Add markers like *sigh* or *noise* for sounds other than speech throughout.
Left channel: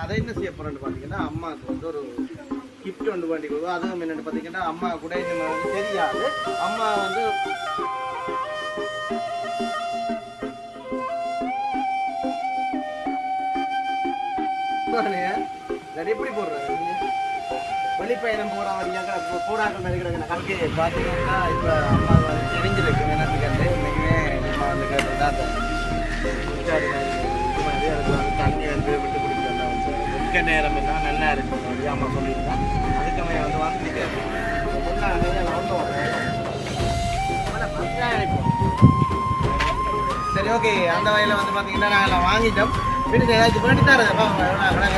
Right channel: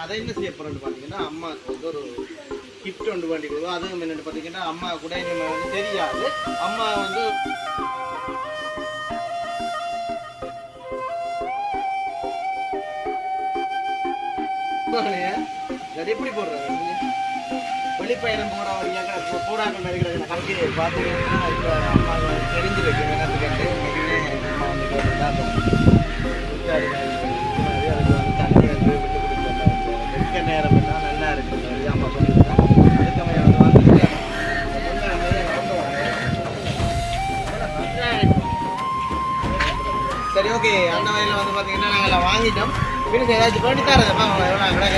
அதை என்ன செய்ய போறேன்னு பார்த்தீங்கன்னா அம்மாவுக்கு வந்து ஒரு கிஃப்ட் ஒன்று வேண்டி கொடுக்கும் அதுவும் என்னென்னு பார்த்தீங்கன்னா அம்மா கூட இனிமே வந்து தெரியாது. அம்மா வந்து அது எப்படி போடுறாங்க வெளிப்பயணம் போகிற வழியாக போடாக்கள் இருக்கிற கல்கி பார்த்தீங்கன்னா இப்போ அம்மா வந்து தெரிஞ்சிருக்கு என்னத்துக்கு இன்னைக்குமே அம்மா வந்து கேட்டு தான் உச்சாரி அதுக்கு வந்து தண்ணி நேரம் என்ன நல்லா இருக்கு. அந்த அம்மா சொல்லியிருக்கான் அதுக்கு அவன் வந்து வந்துட்டு சரி ஓகே அந்த வகையில் வந்து பார்த்தீங்கன்னா நாங்கள் வாங்கிட்டோம். பின்ன ஏதாச்சும் பண்ணி தரேன். பாப்பா எவ்வளோ விட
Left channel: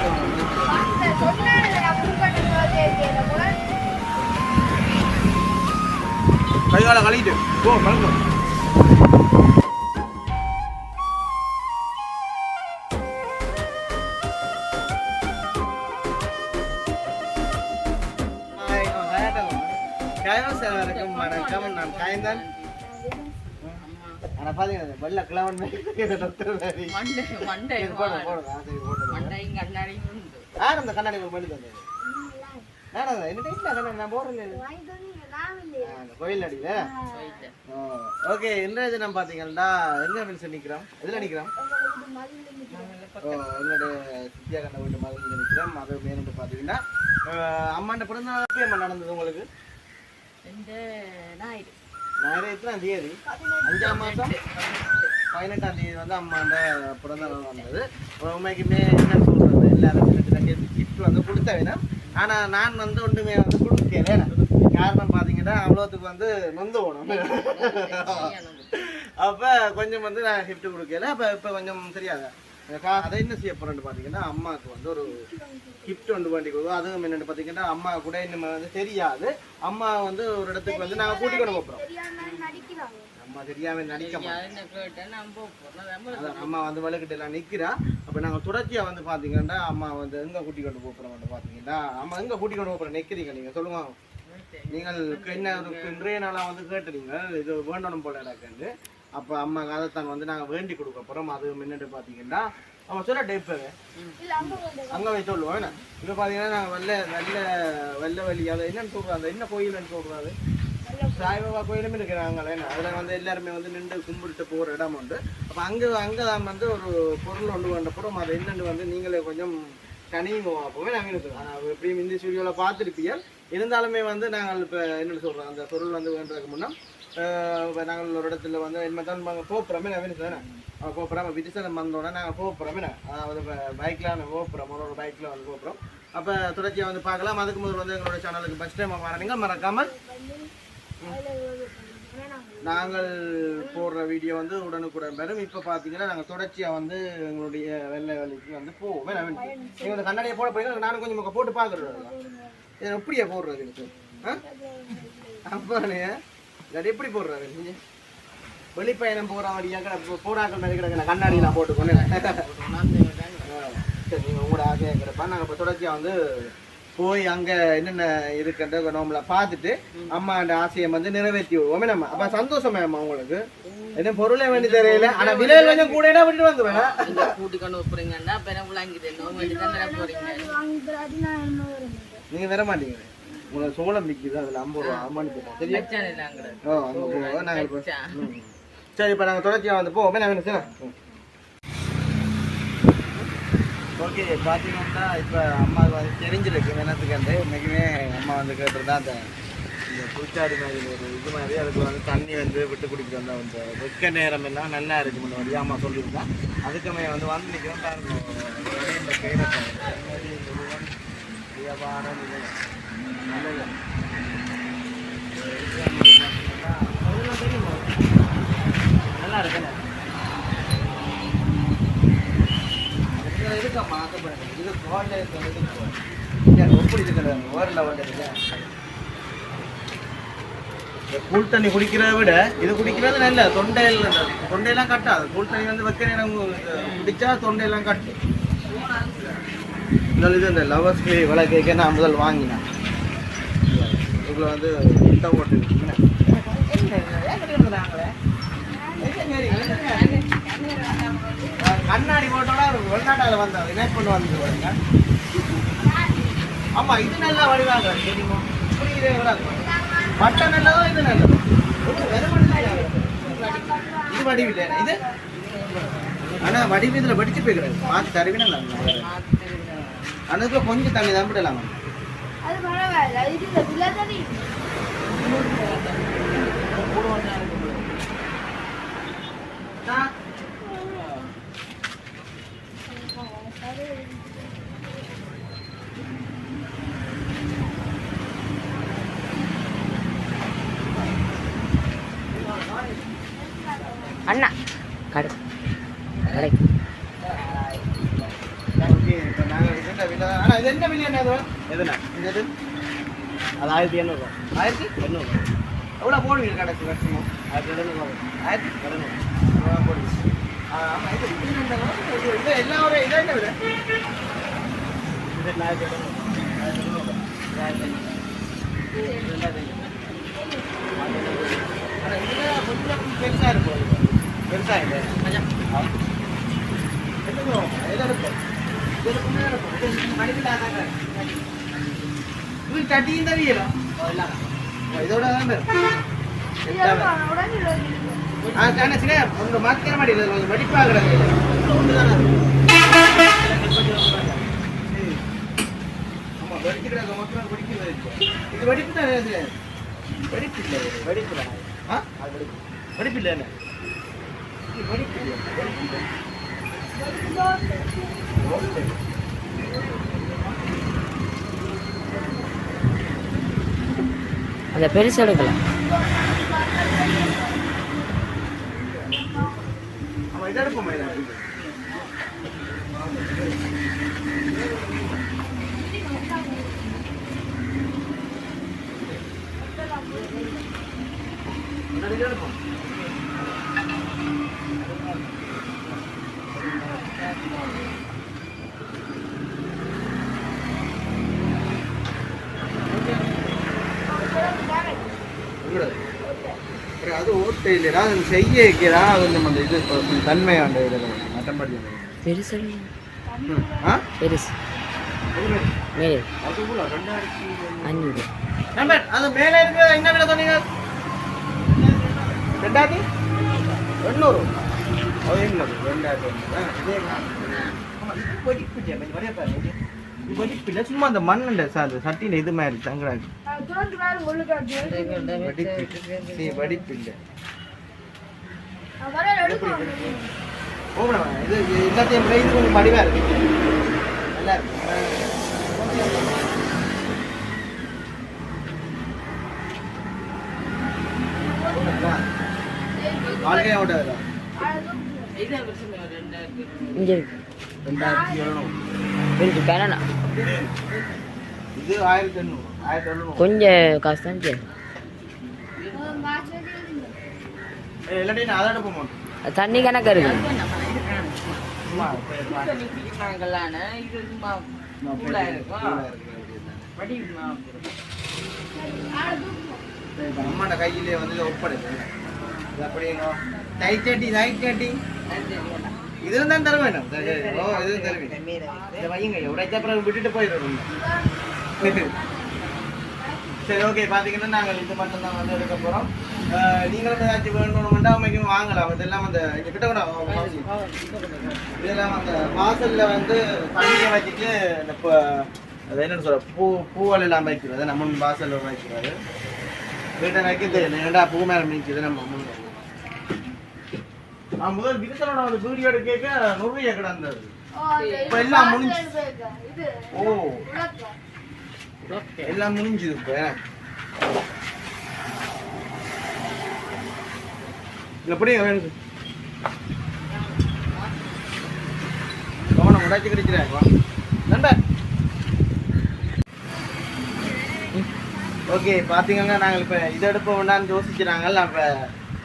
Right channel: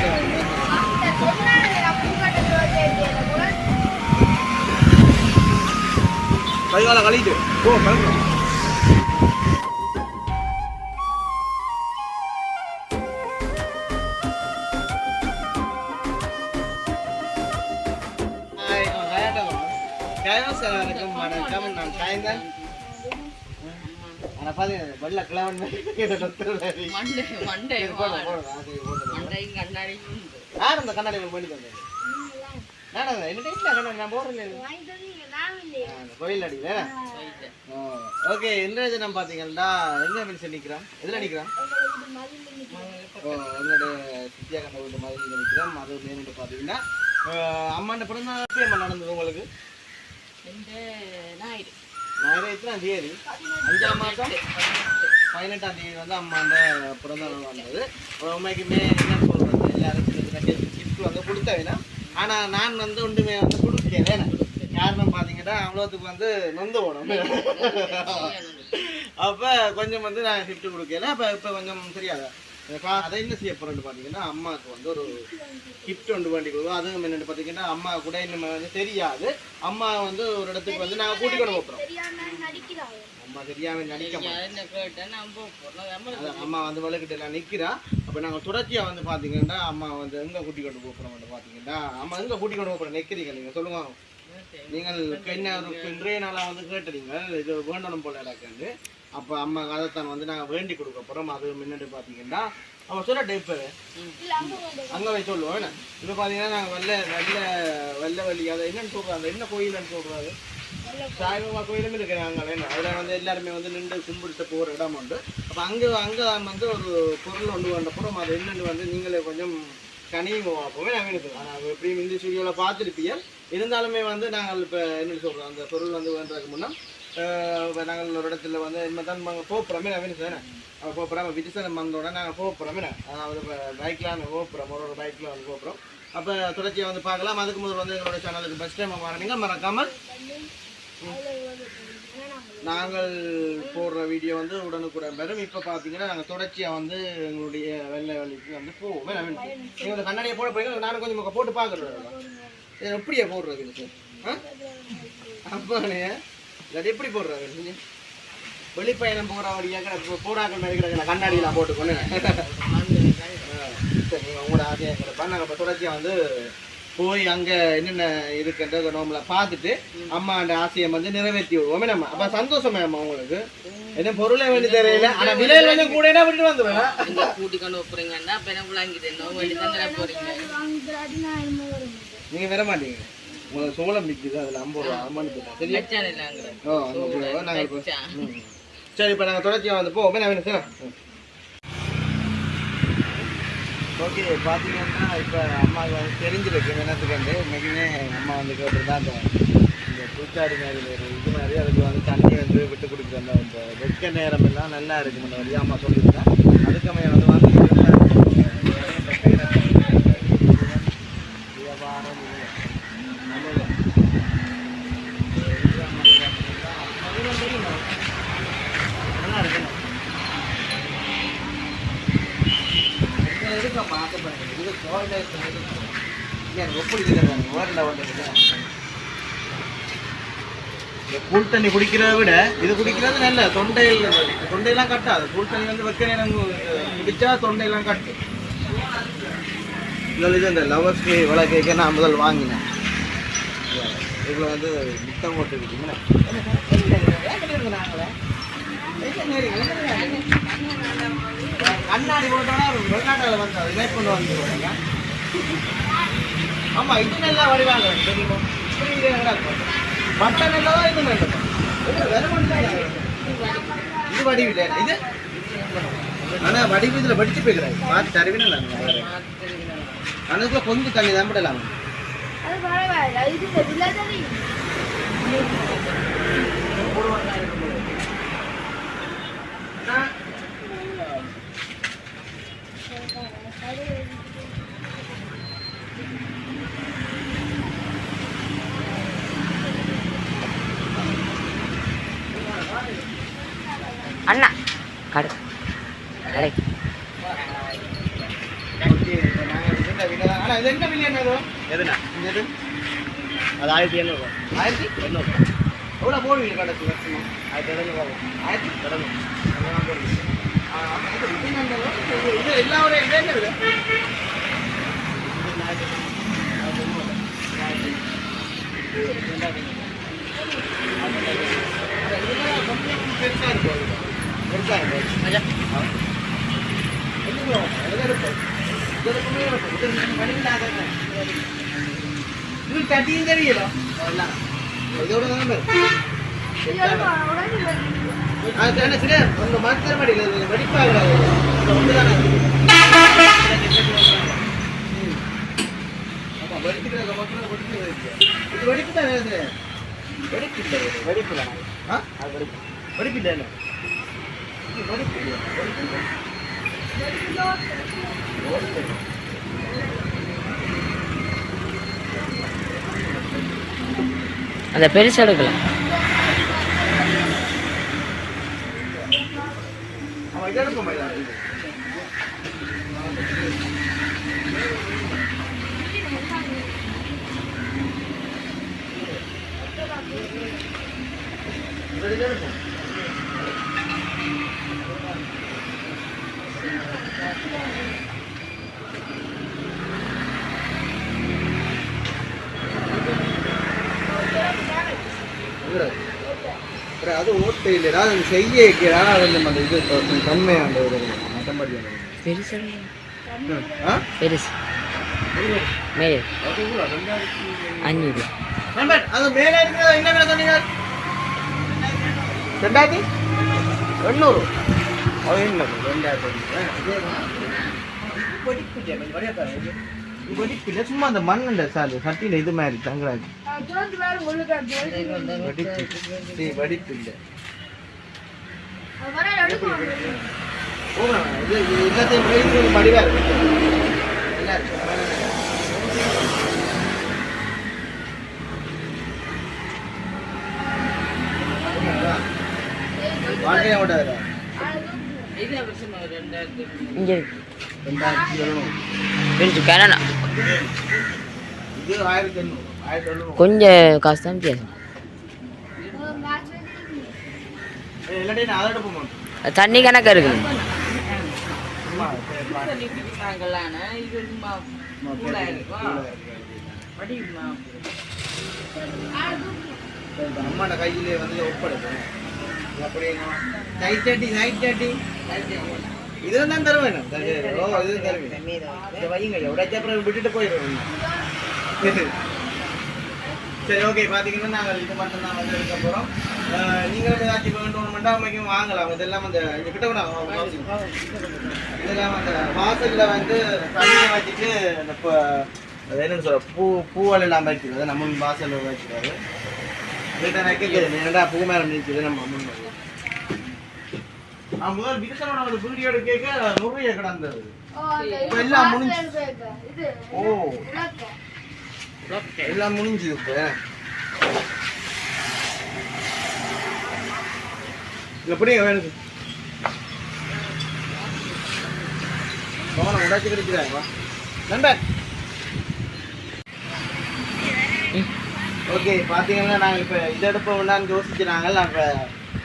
கையால கழிட்டு ஓ கழுவு யார் அந்த கண்ணாடி உங்களுக்கு பண்ணி தந்தது நானா என்ன போறேன் கோயில் அடியில. ஓகே இன்றைய தினம் பாத்தீங்கன்னா எங்க மீன்ஸ் நிக்கிறோம் எதுல நிக்கிறோம் எங்களுடைய சித்தியா கண்ட வீட்டு மாதிரி நிக்கிறோம் அது மேனிட்டு பாத்தீங்கன்னா அம்மாண்ட பிறந்த நடந்தது உங்களுக்கு. இந்த ஞாயிறு. நான் எத்தனாம் தேதி? அஞ்சாம் மாதம் பதினெட்டாம் தேதி வந்து பிறந்த நாள் வந்தது. உண்மைக்குமே என்ன சொல்றது? எல்லாரும் சின்ன சின்ன கிஃப்ட் வந்து கொடுத்த வேணாம். ஆனா நான் வந்து ஒன்றுமே வந்து கொடுக்க வேணாம் காரணம் பார்த்தீங்கன்னா அவ்வளோத்துக்கு வந்து நொந்து போகணும் அப்போ கொஞ்சம் வந்து நான் கிஃப்ட் கொடுக்கல. அப்போ இப்போ கொஞ்சம் தெரியாத அதை என்ன செய்ய போறேன்னு பார்த்தீங்கன்னா அம்மாவுக்கு வந்து ஒரு கிஃப்ட் ஒன்று வேண்டி கொடுக்கும் அதுவும் என்னென்னு பார்த்தீங்கன்னா அம்மா கூட இன்னும் வந்து தெரியாது. அம்மா வந்து ஒரு இடத்துக்கு வந்து நாங்கள் கூட்டிக் கொண்டு போகிறோம் அம்மா தெரியாம நடிக்க அம்மா வந்து வலுக்கிட்டு எல்லாம் நிற்கிறா அப்போ நாங்கள் தொடர்ச்சியாக வந்து பார்த்தீங்கன்னா அம்மா வந்து எங்கே கூட்டி கொண்டு போகிறோம் பார்த்தீங்கன்னா அம்மா எங்கே கூட்டி கொண்டு போகிறோம் நிற்கிறீங்க நீங்கள் சொல்லுங்க. நீங்கள் என்ன ஒரு இன்றைய நாளாக வந்து கேட்டுறீங்க இது வேண்டணும் போல எனக்கு. அப்போ அம்மா அதைத்தான் வந்து நாங்கள் வேண்டி கொடுக்க போகிறோம் அது முன்னாடி பார்த்தீங்கன்னா அவன் சொல்ல டைப்பு அங்கே போய் சொல்லுவோம். என்ன? இப்போ பார்த்தீங்கன்னா நாங்கள் வெள்ளை வெள்ளை வெள்ளை வலி அதை என்னன்னு சொல்கிறாங்க என்ன கோயில்னு சொல்கிறாரு சாய்பாபா கோயிலும் இருக்கிறாங்க என்ன? அதில் வந்து எல்லாருமே வந்து நின்று கும்பிட்டு போகிற இடம் உண்டு. அப்போ அங்கே அங்கே தான் வந்து ஒரு பொருள் ஒன்று வேண்டப்புறம் அது என்னென்னு வந்து நீங்களே கொஞ்சம் கனியும் அப்போவே நாங்கள் இருக்குது ஆனால் எப்படியும் இந்த ஸ்டுடியோவில் பார்த்துருப்பீங்க இருந்தாலுமே வந்து நாங்கள் இப்போ என்னென்னு சொல்கிறோம் அந்த பொருள் வந்து வேண்டதுக்கு முன்னே நாங்கள் ஒரு இடத்துல வந்து இனிமேல் தான் நாங்கள் போகிறோமே நான் சார் போகிறோம் விஜயசனம் வந்தோடனே நாங்கள் போகிறோமே அதாவது பைக்கில் நாங்கள் போகிறோம் ஒரு ஒரு பைக்கில் வந்து போகிறோம் அப்போ தொடர்ச்சியாக வந்து பார்க்கலாம். அதுக்கு முதல் வந்து எங்களோட சேனலுக்கு ஃபஸ்ட் டைம் வரணுங்க மறக்காமல் நாங்கள் போடுற வீடியோ வந்து உடனுக்குடன் பெறும். இப்போ பார்த்தீங்கன்னா நாங்கள் தொடர்ச்சியாக வந்து எங்களுடைய வெள்ளை வேலைக்கு வந்து போவோம் நீங்கள் கண்ணாடியை போட போய் நானும் கொஞ்சம் போட்டு பார்க்குறேன் எப்படியா போடுறது எனக்கு ஆ? அப்பானே அது எப்படி போடுறாங்க நீங்க வெளிப்பயணம் போகிற வழியாக போடாக்கள் மாதிரி கிடக்கு கண்ணாடியெலாம் போட்டுக்கொண்டு சரி நீங்கள் உங்களோட ஆசையாக கிடப்பா நாங்கள் இப்போ தொடர்ச்சியாக வந்து போய் அங்கே என்னென்ன இருக்குன்ற நோம்பல பார்த்துட்டு அம்மா அந்த ஆசையை வந்து நிறைவேற்றி விடுவோமே. நம்ம அப்போ சந்தோஷமே அம்மா உங்களுக்கு? என்ன பொருளே வேண்டி தெரியல. ஆனால் விலையில் கொஞ்சம் கூட விட்டு வந்துடுவேன் இங்க கூட்டி கொண்டு போறீங்கன்னா அப்ப எனக்கு விளங்கிது நோய் வேண்டி தான் போறீங்க? நீங்கள் வர மாட்டீங்க உங்களுக்கு சோளம் நிற்குது அதில் ஐம்பது ரூபா அம்மான்னு போட்டோம். சரியா? ஓ ஐம்பது ரூபா நாங்கள் இப்போ. சரி இப்போ நாங்கள் தொடர்ச்சியாக வந்து போவோமே. நான் வேணும் சார்? ஓகே பார்த்தீங்கன்னா இப்போ அம்மாவுக்கு வந்து தெரிஞ்சிருக்கு. என்னத்துக்கு வந்து அம்மா வந்து கேட்டிருந்தா அந்த இந்த பூச்சாடி மாதிரி ஒரு இது மாதிரி அதுக்குள்ள வந்து தண்ணி வந்து விட்டு குடிக்கிற அந்த அந்த வெக்க நேரம் எல்லாம் நல்லா இருக்கு முன்ன வழியா அம்மா சொல்லியிருந்தா. அதுக்குமே வந்து வந்து நிக்கிறோம் பாருங்க. இந்த கையில வியாபாரம் இது. நல்லது அதெல்லாம் தெரியுமா நல்லா இருக்குண்ணே இதுல இருக்கம்மா ஆசைப்படுங்க இது கோயில இருக்கும் இங்கே ஒப்படி இருக்கிறாங்க ஓரில் வந்துருங்க இந்த கூழ் தண்ணி குடிக்கிறத விட இது குடிக்கிறது நல்ல. தொண்டையில் தொண்டையெல்லாம் கட்டாது கூழ் தண்ணி வந்து வைக்க எனக்கு குடிச்சா தொண்டையெல்லாம் கட்டு. இன்னொரு இது இந்த லவர்ஸ் இவ்வளோ கேட்க நான் முதல் வாங்கினேன். இவ்வளோ வந்து சுத்தம் போட்டு விட்டீங்கன்னா நாங்களே கண்ணாடி போட்டோன்னா ஒரு வெளிநாட்டில் வந்தது இதை கொண்டு வந்து பாருங்க. ஆமா இது நல்லா வடிவாங்க. தெரியுமா? கிடக்கு. மட்டை நல்லதா இது நல்லதா இது வடிவில்லை இது ஆனா வடிவு இதுல வடிச்சு போய்க்கிறாரு. பார்த்து தருவினா அனுக்கு கொஞ்சம் தண்ணி தான் விடலாம். அது பரவாயில்ல இது இந்த விழா தானே அண்ணா கடை கடை ஓகே, இப்ப இருந்த வீட்டுல தான். ஆனா இது என்ன விலை என்னது? எதுண்ணா? இந்த இது? அது ஆயிரத்தி எண்ணூறு. ஆயிரத்தி எண்ணூறு. எவ்வளவு போடுவீங்க கடைசி வருஷமா? ஆயிரத்தி எண்ணூறு. ஆயிரத்தி எண்ணூறு. போடுவீங்க? ஆ, ஆமா, இது இது? இது- இது ஒரு- இது என்ன விலை? இது ஆயிரத்தி எண்ணூறு. இது. இது கொஞ்சம் இருக்கும் அது. பெருசா இருக்கும் என்னங்க எதை தெரியல இதோட வேண்டாம் உடனே அதுக்கான சரியா உங்க மாத்திர மாடியில் கொஞ்சம் மடிப்பாகிறாங்க ஒன்றுதானே ஆமா வெடிப்புக்கிறாங்க மக்கள் வெடிப்பு இது வெடிப்பு தானே இது வெடிப்பு இல்லை வெடிப்பு தானே ஆ வெடிப்பு வெடிப்பு இல்லை. என்ன இது வெடிப்பு இல்லை வெடிப்பு இல்லை. ஓகே அந்த பெருசு எடுக்கலாம் அவன் இதை எடுப்போம் இது இதை எடுப்போம் இவரு. அப்புறம் அது ஓட்டை இல்லையா அது செய்ய வைக்கிறா கொஞ்சம் அந்த இது கொஞ்சம் தன்மையாண்ட இது மட்டம்படி பெருசு பெருசு. மேலே. அஞ்சூறு நம்பர் அது மேலே இருக்கிறது என்ன விலை சொன்னீங்க? ரெண்டாயிரத்தி? எண்ணூறு வெடிப்பில்லை சும்மா அந்த மண்ணுண்ட சார் சட்டியில் இது மாதிரி தங்குறாங்க வெடிப்பில்லை இது எல்லாத்தையும் விட இது கொஞ்சம் மடிவாக இருக்கு நல்லா இருக்கு. வாழ்க்கையை ஓட்டாதா இதே வருஷம் ரெண்டாயிரத்தி எண்ணூறு. இங்கே இருக்கு கனனா இது ஆயிரத்தி எண்ணூறு ஆயிரத்தி எழுநூறு கொஞ்சம் காசு தான் தண்ணி கணக்கா இருக்கு. நம்மளோட கையிலே வந்து இது அப்படியே லைட் சட்டி லைட் சட்டி இதுல தான் தர வேணும். ஓ இது தருவீங்க இதை வையுங்க உடைச்ச அப்புறம் விட்டுட்டு போயிடுவோம் சரி ஓகே பார்த்தீங்கன்னா நாங்கள் இது மட்டும் தான் வந்து எடுக்க போகிறோம் நீங்களும் ஏதாச்சும் வேணும்னுமெண்டா அமைக்கும் வாங்கலாம் இதெல்லாம் அந்த இங்க கிட்ட கூட இதெல்லாம் அந்த வாசலில் வந்து தண்ணியை வச்சுட்டு இந்த அது என்னன்னு சொல்ற பூ பூவெல்லாம் வைக்கிறது நம்ம வாசலில் வைக்கிறது வீட்டை வைக்கிறது ஏன்டா பூ மேலே நிற்குது நம்ம முன். நான் முதல் விருத்தனோட ஒரு வீடியோ கேட்க நுழைய கிடந்தது. இப்ப எல்லாம் முடிஞ்சு- இது ஓ. எல்லாம் முடிஞ்சுது இப்போ. எப்படிங்க வேணுது கவனம் உடைச்சு கிடைக்கிறாங்க நண்பர் ஓகே பார்த்தீங்கன்னா நாங்கள் இப்போ இதை எடுப்போம்னான்னு யோசிச்சு நாங்கள் நம்ம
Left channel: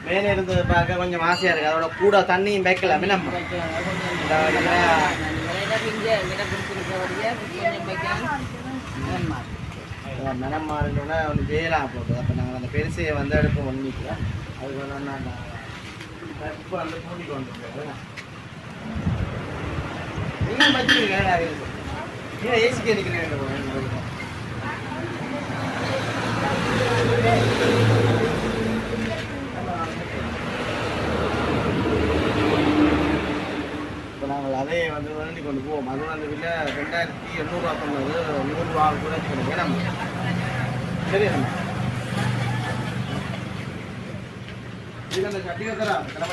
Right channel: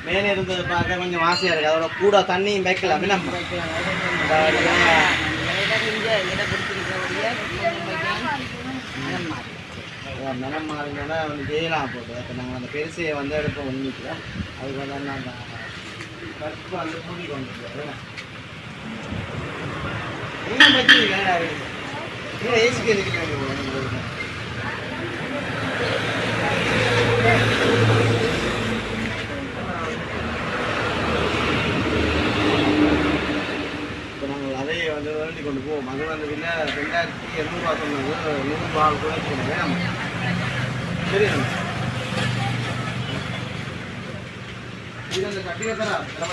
மேலே இருந்து பார்க்க கொஞ்சம் ஆசையாக இருக்குது அதோட கூட தண்ணியும் வைக்கலாமே நம்ம அதாவது, மனம் மாறினோன்னா ஒன்று ஜெயலாம் போகுது அப்போ நாங்கள் அந்த பெருசையை வந்து எடுப்போம் ஒன்றிக்கலாம் அதுக்கு வந்து அந்த இப்போ அந்த கூட்டிட்டு வந்துருக்கேன் என்ன? பற்றி வச்சிருக்கீங்க நீங்க ஏசிக்கு இருக்கிறீங்க உங்களுக்கு இப்போ நாங்கள் அதை வந்து வேண்டி கொண்டு போவோம் அது வந்து இல்லை ரெண்டாயிரத்தி எண்ணூறுவா சொன்னது. நூறுரூவா தொண்ணூற்றி வேணாம் சரி நம்ம. இது அந்த சட்டியை தரா தர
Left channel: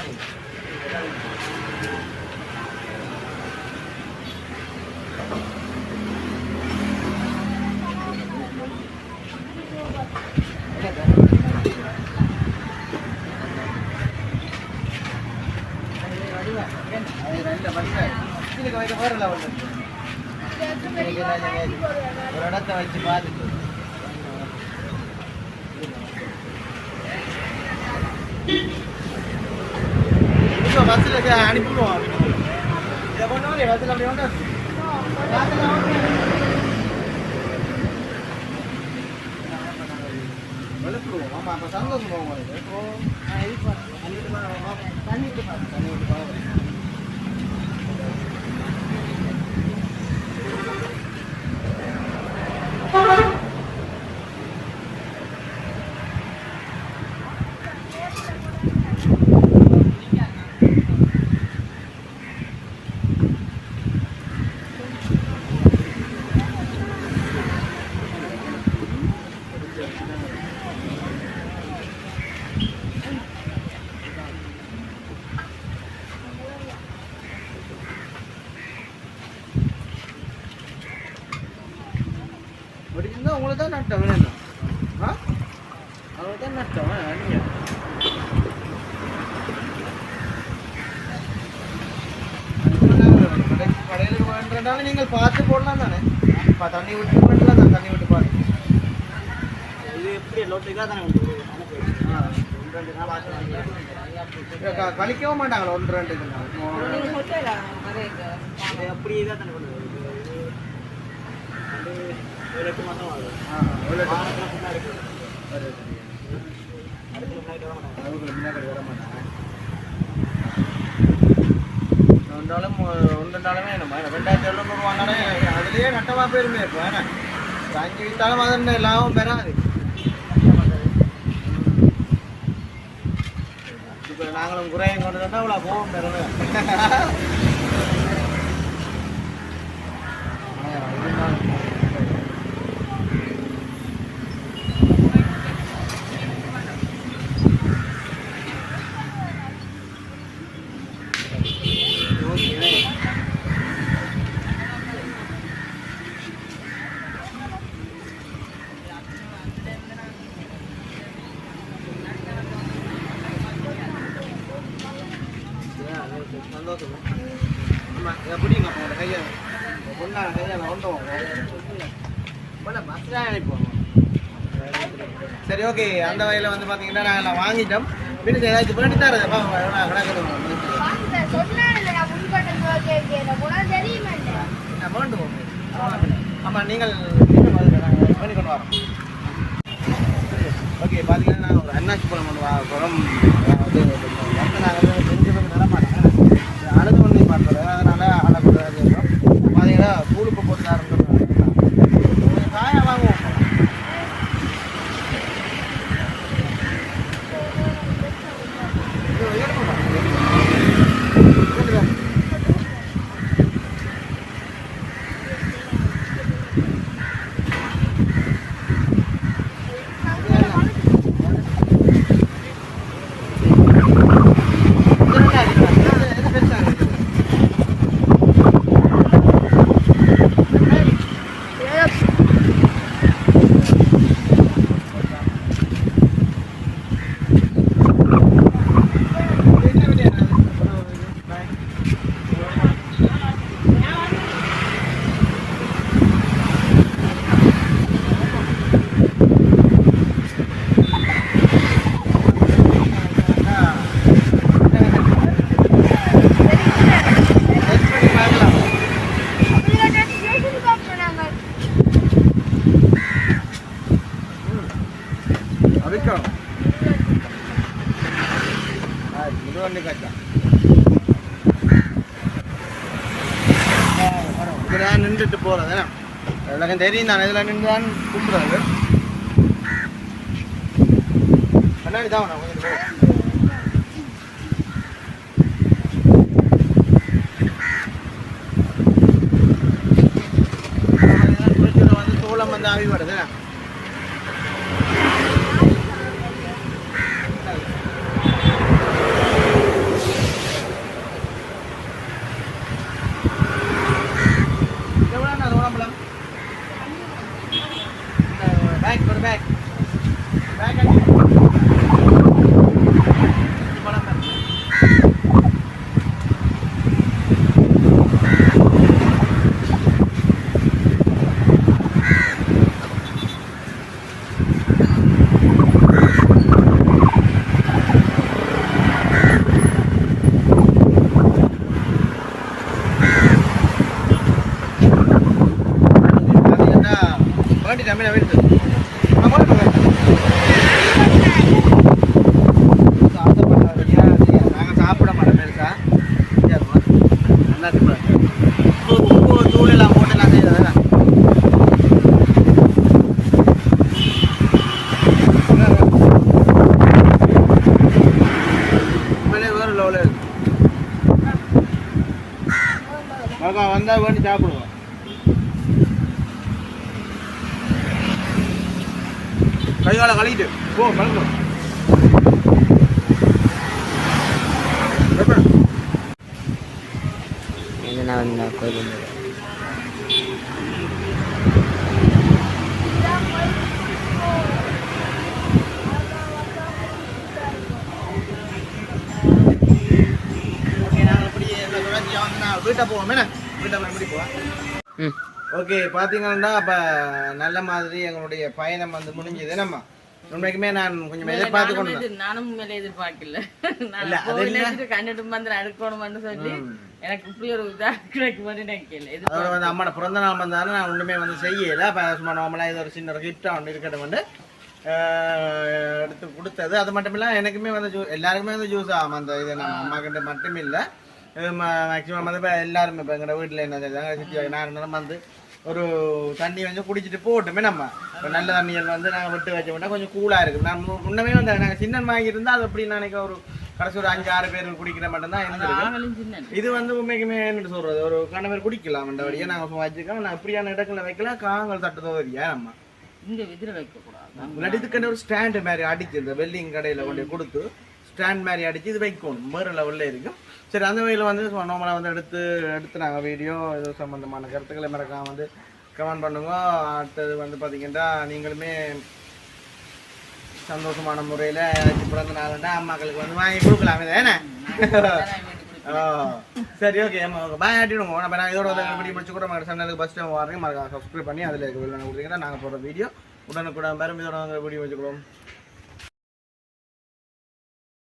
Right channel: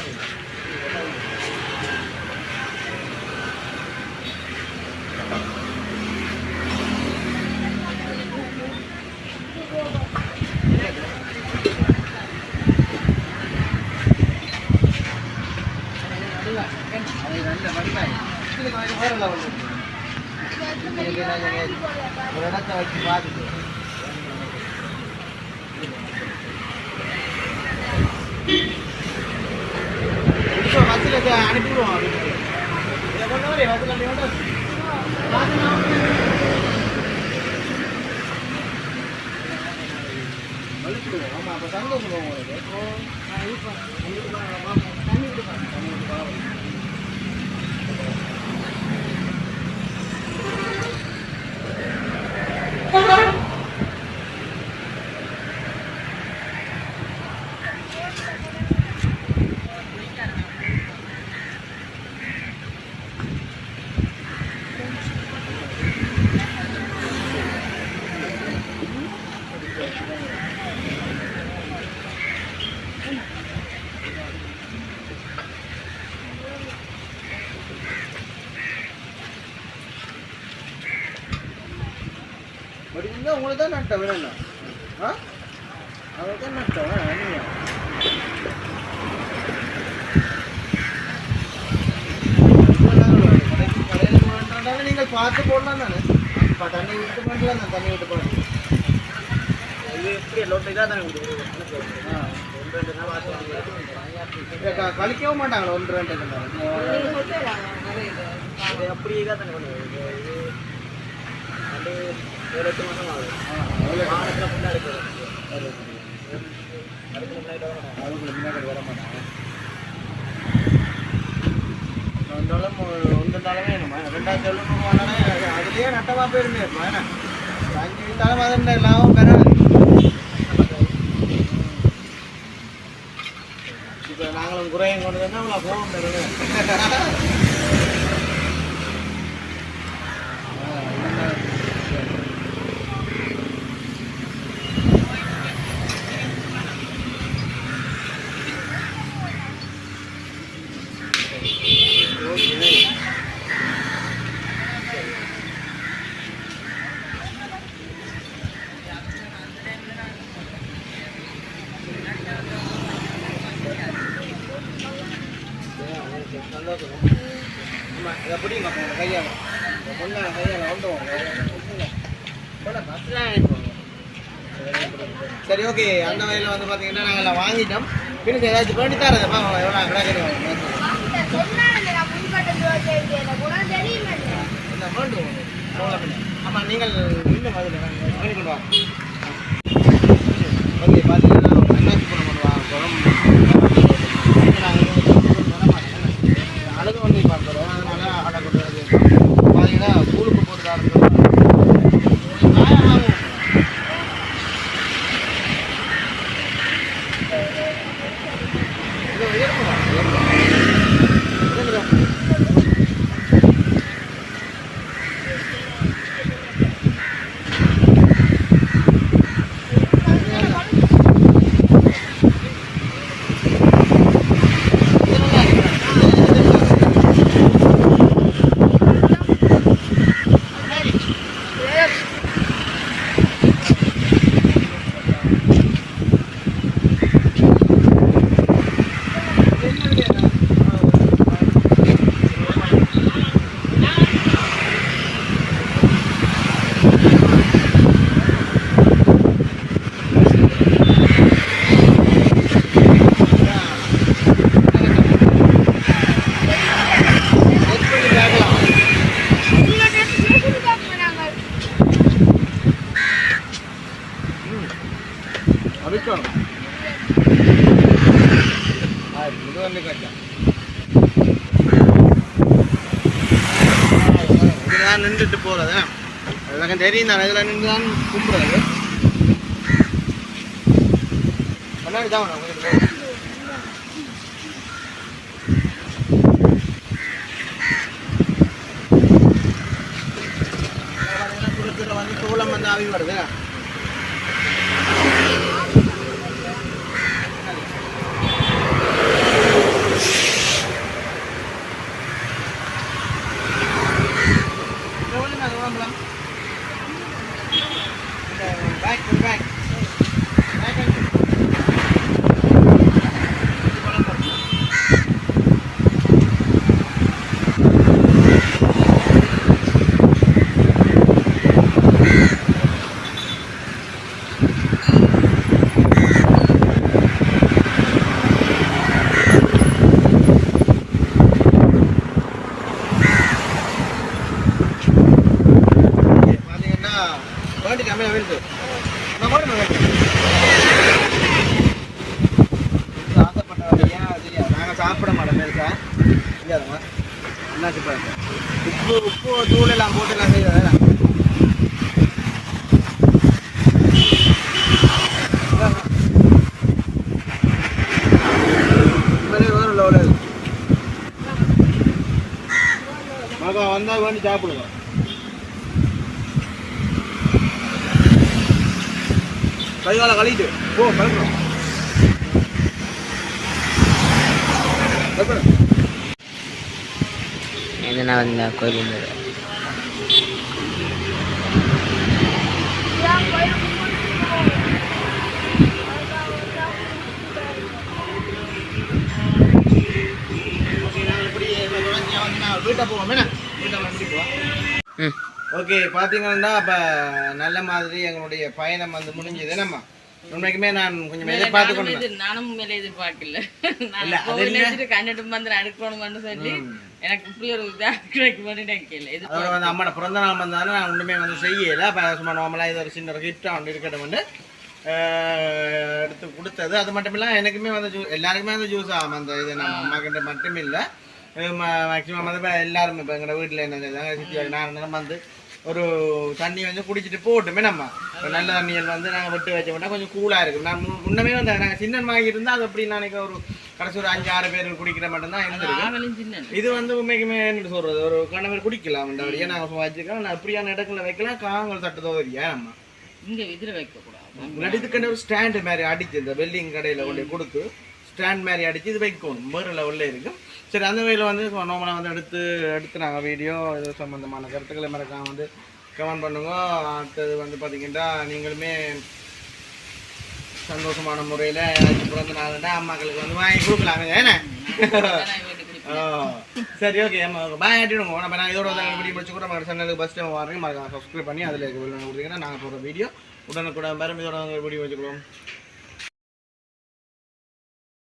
மாட்டேங்க ஒரு இடத்த வச்சு பார்த்துட்டு இப்போ பஸ்ஸில் அனுப்பிடுவோம் இதை கொண்டு வரே பஸ்ஸில் அப்படி கொண்டு வெளுத்துடுவோம் ஆமாம் அப்போ சந்தோஷம் போவோம் உங்களுக்கு இப்போ நான் இது பண்ணேன் தண்ணி விட்டு பாருங்க தண்ணி தான் நட்டம் வேணும் ஆ அவங்களுக்கு தான் நட்டம் நீங்க கடைக்கு கடையில் வாங்குறதால நீங்கள் பார்த்து போடலாம் தானே இப்போ தண்ணி விட்டு பண்ணலாம் தான் தண்ணி விட்டு பாருங்க இது எப்படி லோட்டு இதாக தானே ஆ கழிக்கவும் மாட்டாங்களா ஒன்று ரெண்டு நாள் நீங்க சொல்லலாம் நிறைய இது. இது அப்படியே தான் தானே பண்ணுவோம் இது இது ரெண்டு ஒரு எட்டு மாதம் ஆகுது வாகனத்தில் முன்னாடி வர மாட்டாங்க ரெண்டாயிரத்தி எழுநூறுவானாலே அதுலேயே நட்டமாக போயிருந்தேன் இப்போ ஏன்னா அஞ்சு வித்தாலும் அது லாபம் பெறாது இப்போ நாங்களும் குறையும் கொண்டு வந்தால் அவ்வளோ போகும் பெறுது இருந்தாலும் சந்தோஷம் ஆமாம் இதை பிடிங்க அப்போ உங்களை கையால் பொண்ணான கையால் அனுப்புவாங்க சரி ஓகே அந்த வகையில் வந்து பார்த்தீங்கன்னா நாங்கள் வாங்கிட்டோம் பின்ன ஏதாச்சும் பண்ணி தரேன் பாங்க எவ்வளோ கிடக்குது சொன்னாங்க நான் முன்கட்டத்துல வச்சிருக்கேன் எனக்கு கூட தெரியுமே என்ன வேண்டும் ஆமாம் நீங்கள் பண்ணி கொண்டு வரோம் ஓகே பார்த்தீங்கன்னா ஒரு அண்ணாச்சி பழம் கொண்டு வா குளம் நாங்கள் வந்து அழுது பண்ணி பார்க்குறோம் அதனால் அடை கொண்டு வந்து பார்த்தீங்கன்னா ஸ்கூலுக்கு போட்டு ஆரம்பிச்சோம் காயா வாங்குவோம் இது இருக்குமா இருக்குமா அடிக்கணும் இது வந்து ரெண்டு கச்சா நான் நின்றுட்டு போகிறது எனக்கு தெரியும் நான் இதில் நின்று தான் கும்பிட்றது கண்ணாடி தான் வேணும் கொஞ்சம் வந்து சோளம் வந்து ஆவி வருது எவ்வளோ நான் உடம்புல பேக் ஒரு பேக் பேக் ஆச்சு குழம்பு இருக்கு. பார்த்தீங்கன்னா வேண்டி கம்மியாக வருது நான் போய் சாப்பிட்றீங்க தெரியாது நாங்கள் சாப்பிட மாட்டோம் பெருசா தெரியாதுமா நல்லா உப்பு உப்பு தூள் எல்லாம் போட்டு நான் செய்யறதா வந்தால் வேண்டி சாப்பிடுவோம் கைகால கழிட்டு போ கலக்கணும் எதுனா வந்தா கோயில் வீட்டை போவோம். என்ன? வீட்டை எப்படி போவோம்? ம். ஓகே பார்த்தீங்கன்னா அப்போ நல்ல மாதிரி எங்களுடைய பயணம் வந்து முடிஞ்சது. நம்ம உண்மைக்குமே நான் கொஞ்சம் எதிர்பார்த்து கொண்டு நானும் மேல எதிர்பார்க்கல. இல்ல, அது? வச்சுட்டு கண்ணிட்டு வந்து அடுக்கணும்னு சொல்லி எனக்கு இப்படி ஒரு இதா கிடைக்கும்னு நினைக்கல அதோட வந்து அம்மாட பிறந்த நாள் வந்தாலும் நான் ஒன்றுமே வந்து செய்யலை. இப்போ சும்மா நார்மலாக இது ஒரு சின்ன கிஃப்டாக ஒன்று இருக்கட்டும் வந்து எடுத்து கொடுத்தது. அது மட்டும் இல்லை எனக்குமே வந்து ஜூ எல்லாருக்குமே வந்து ஜூஸ் ஆகும் அந்த இது நம்ம அம்மா கிட்ட மட்டும் இல்லை மேக்ஸிமம் வந்து இப்போ எல்லாருமே இப்போ எங்களோட வீட்டில் என்ன செய்தாங்க சித்தி நான் இருந்தாலும் வந்து ஒரு தண்ணி வந்து குடிச்சிட்டு போட்டுமே நம்ம. இப்போ நல்ல தண்ணிகள் வந்து நாங்கள் விட்டு வச்ச விட்டா கொஞ்சம் கூலாக இருக்கும். நான் முன்னமே வந்து நாங்கள் சின்ன வாங்கி இருந்தால் அது அப்படி நினைக்க ஒரு கடைசி ஒரு அஞ்சு ஆறு பேர் குடிக்கிற மட்டும்தான் இருந்திருக்கு. இது வந்து உண்மைக்குமே என்ன சொல்றது ஒரு கணவர் குடிக்கலாம் இந்த வழியை நாங்கள் வச்சிருக்கோம் நான் அப்படியான இடத்துல வைக்கலாம் காங்கள் தட்டுதோ வரியா நம்ம. இங்க எதிர வைக்க கூடாது முன்னாடி இதுக்காண்டி ஒரு ஸ்டாண்டு மாதிரி அடிச்சு இந்த வெல்டிங் கடையில் கொண்டு கொடுத்து ஸ்டாண்ட் மாதிரி அடிச்சு இது வைக்கணும் வேறு லெவலில் இருக்கும். சரி அந்த வகையில் வந்து நார்மலாக வந்து எடுத்து எடுத்து நாங்கள் வீடியோ இது சம்மந்தமான கருத்துக்களை மறக்காம வந்து கமெண்ட் பண்ணுங்க. அடுத்தது வந்து பார்த்தீங்கன்னா நீங்களுமே சந்தோஷமான முறையில் ஏதாச்சும் பிறந்த நாளுண்டா அம்மாக்களுக்கு வந்து வாங்கி கொடுக்கலாமே. *laughs* ஆ, சரி ஓகே பாய் ஆட்டிடுங்க நம்ம நான் இதோட வீடியோ முடிச்சு கூட சேனலுக்கு ஃபஸ்ட் டைம் வரேன் மறக்காம சப்ஸ்கிரைப் பண்ணி அதில் இருக்க வெளில கொடுத்தீங்கன்னா நாங்கள் போகிற வீடியோ உடனுக்குடன் பேரும் இதோட வீடியோ வச்சுக்கிறோம்